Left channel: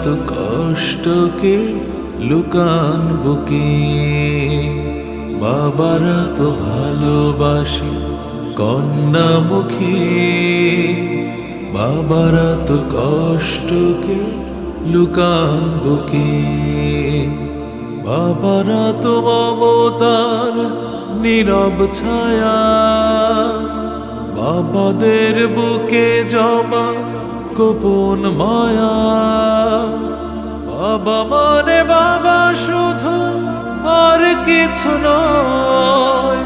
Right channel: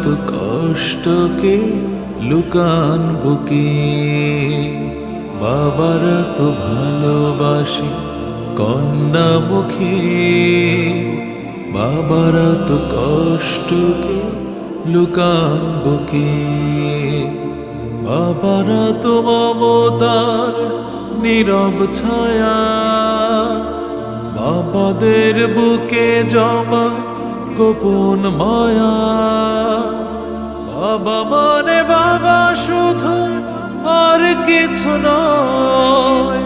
বাবারা তো কষ্টকে লুকান বুকে। বাবারা তো ভালোবাসি কন্যামুখী বাবারা তো কষ্টকে লুকান বুকে। বাবারা তো মমতার নীরব ছায়া। বাবাদের বুকে জমা গোপন মায়া। বাবা মানে বাবা শুধু আর কিছু নয়,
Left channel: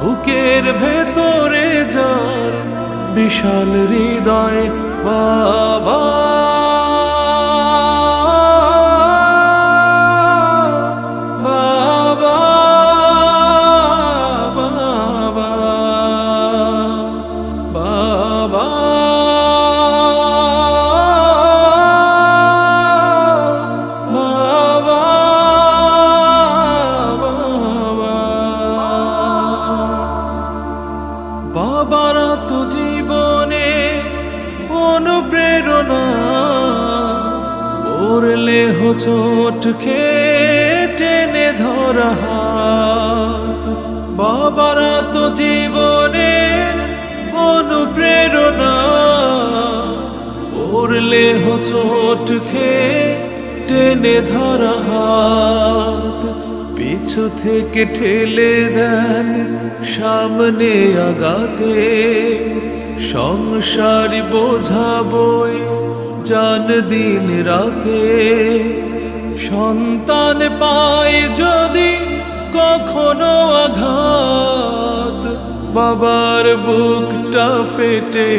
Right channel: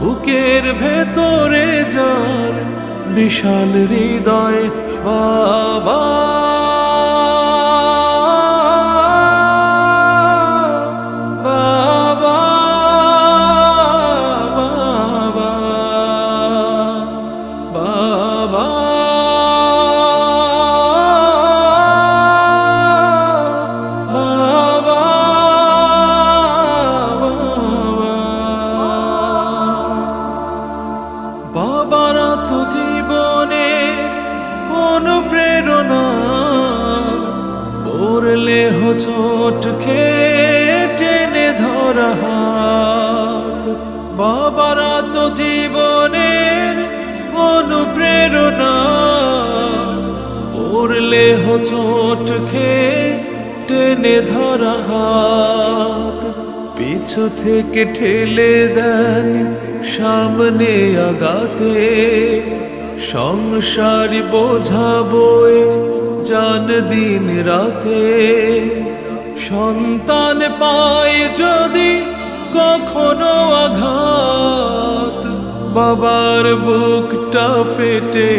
বুকের ভেতরে যার বিশাল হৃদয় বাবা। খেয়ে টেনে ধরা হাত। বাবারা তো জীবনের অনুপ্রেরণা। পড়লে হোচট খেয়ে টেনে ধরা হাত। পিছু থেকে ঠেলে দেন সামনে আগাতে সংসার বোঝা বয়ে জান দিন রাতে। সন্তান পায় যদি কখনো আঘাত। বাবার বুকটা ফেটে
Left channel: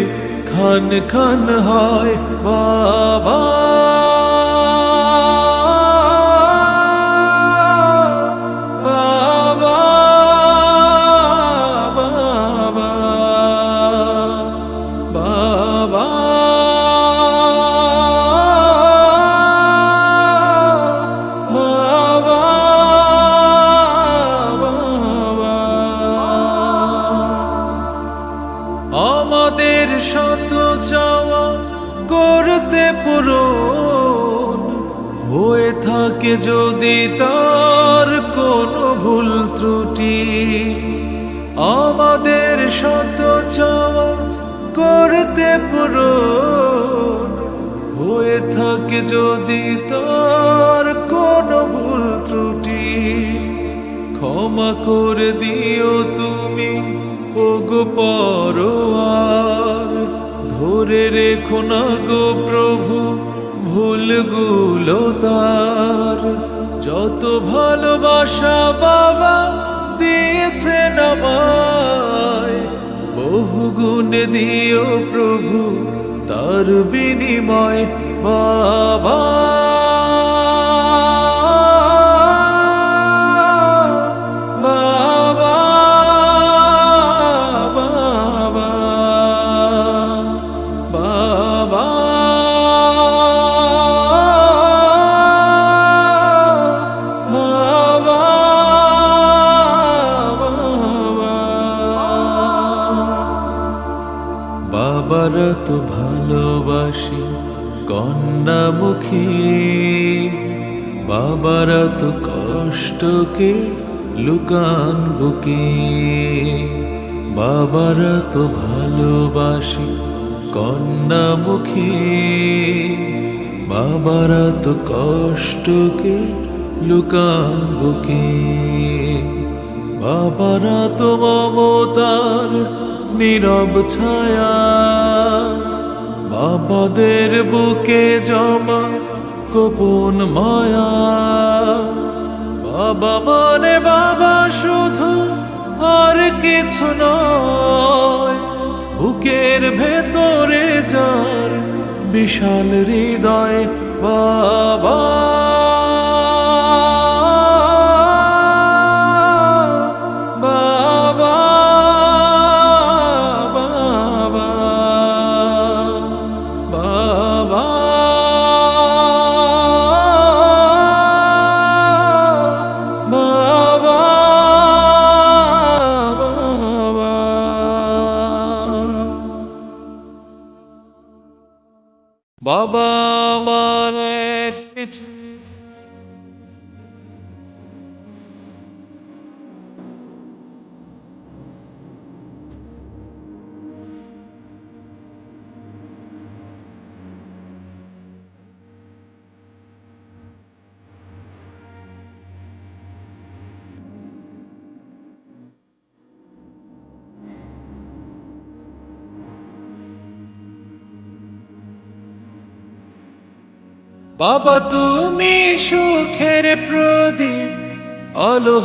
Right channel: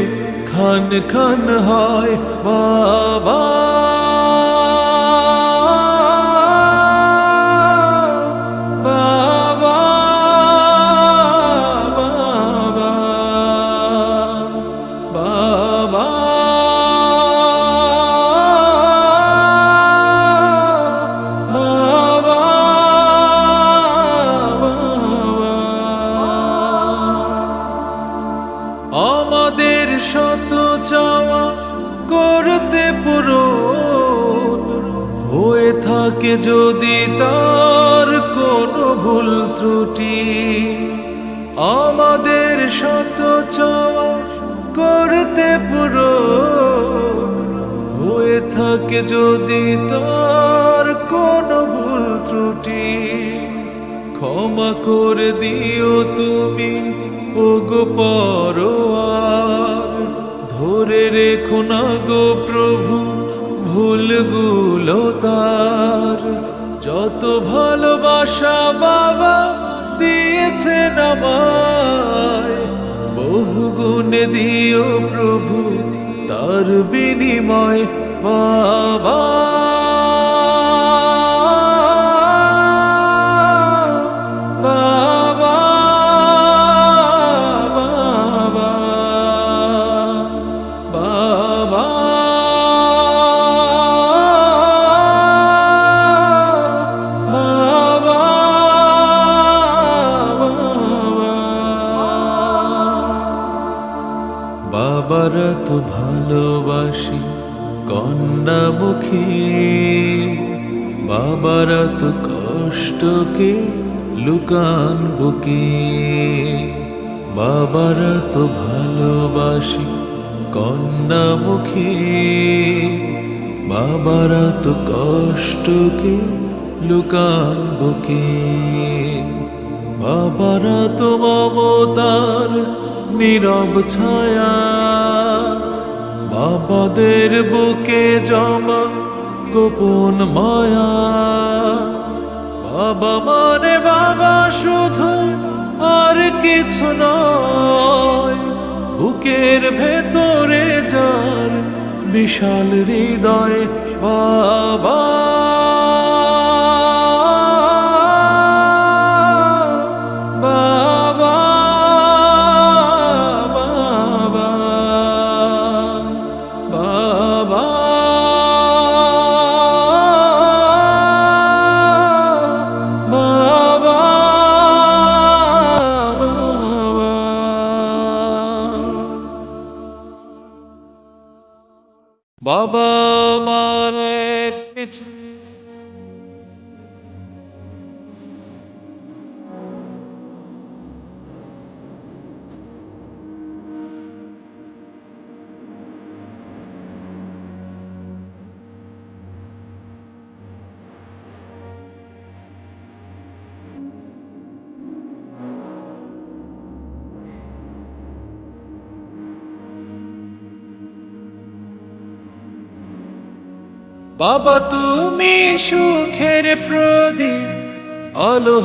খান খান হয় বাবা। পূরণ হয়ে থাকে যদি তার কোনো ভুল ত্রুটি। আমাদের শত চাওয়া করতে পূরণ হয়ে থাকে যদি তার কোনো ভুল ত্রুটি। ক্ষমা করে দিও তুমি, ওগো পরোয়ার। ধরে রেখো না গো প্রভু, ভুলগুলো তার। যত ভালোবাসা বাবা দিয়েছে আমায়, বহু গুণে দিও প্রভু, তার বিনিময় বাবা। বাবারা তো ভালোবাসি কন্যামুখী। বাবারা তো কষ্টকে লুকান বুকে। বাবারা তো ভালোবাসি কন্যামুখী। বাবারা তো কষ্টকে লুকান বুকে। বাবারা তো মমতার নীরব ছায়া। বাবাদের বুকে জমা গোপন মায়া। বাবা মানে বাবা শুধু আর কিছু নয়, বুকের ভেতরে যার বিশাল হৃদয় বাবা। বাবা মায়ের পিছে বাবা তুমি সুখের প্রদীপ আলো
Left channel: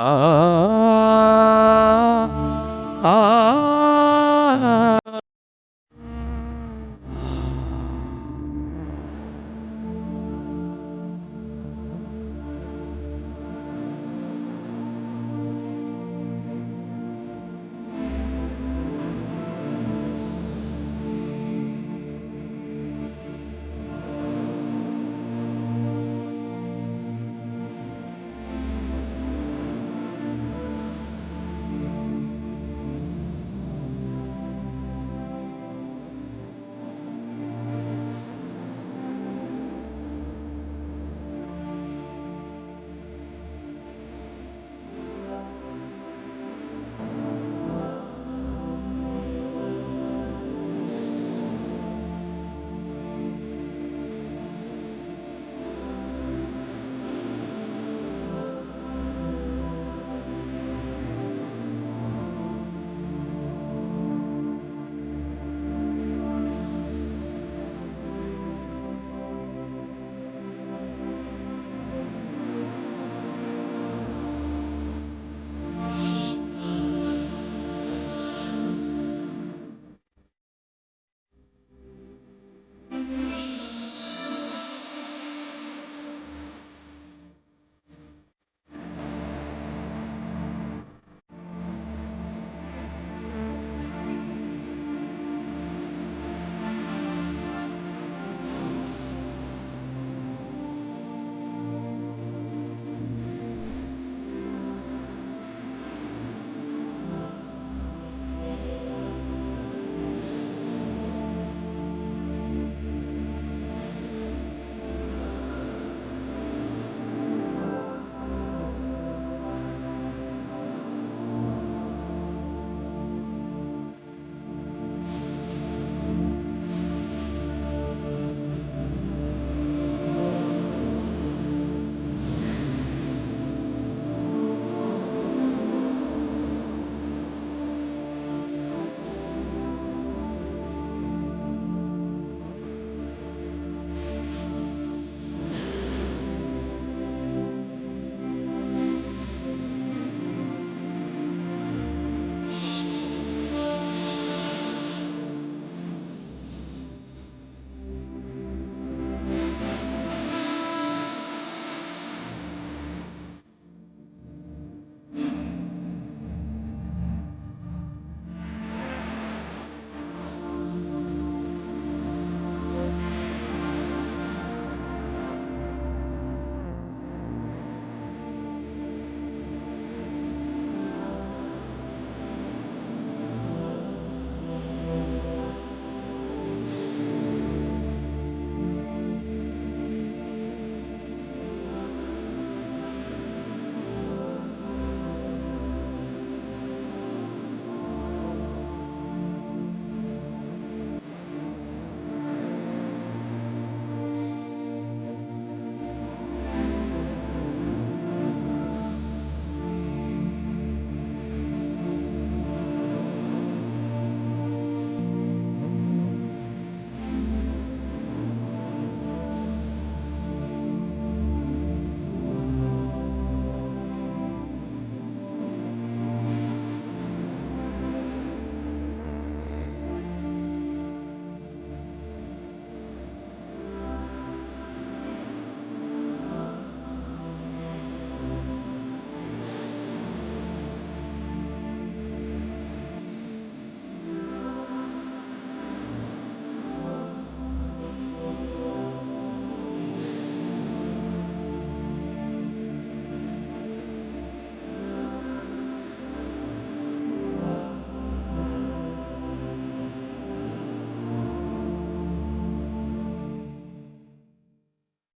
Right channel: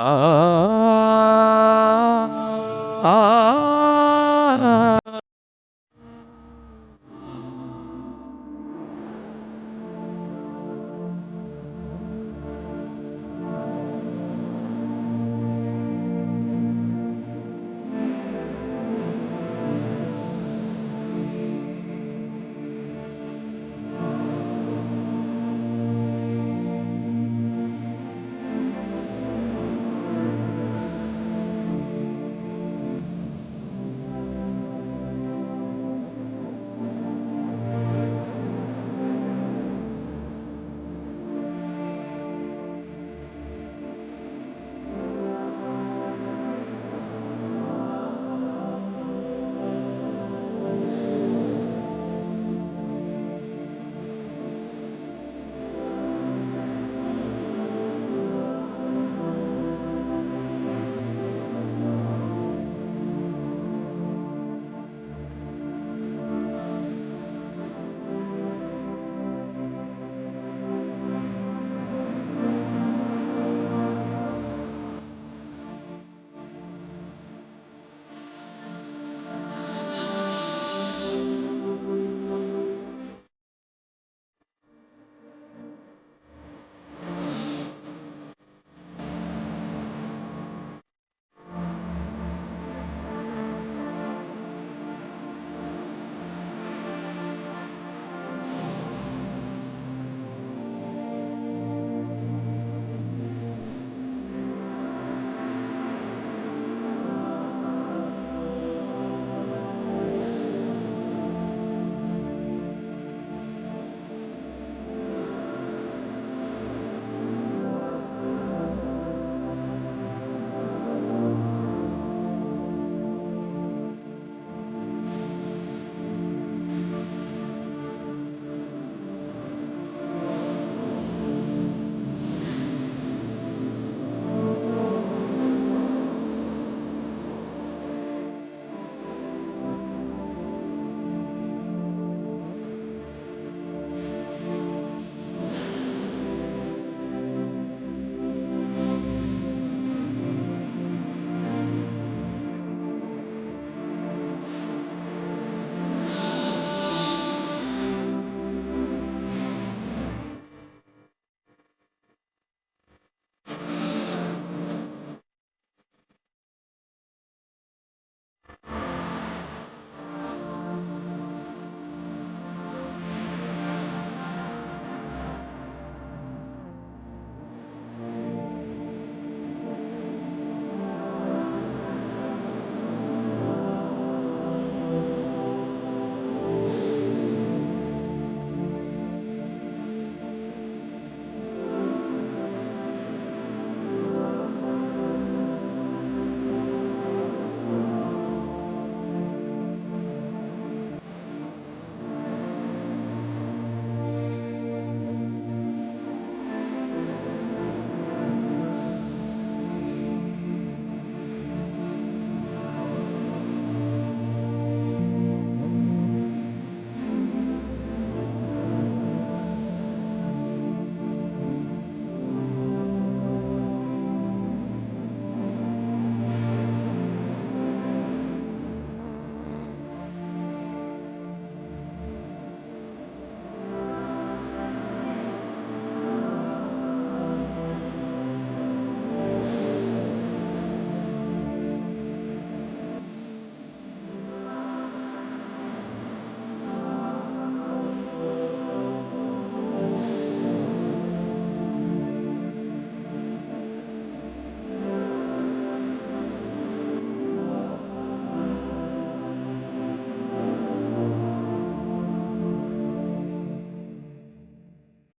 啊啊啊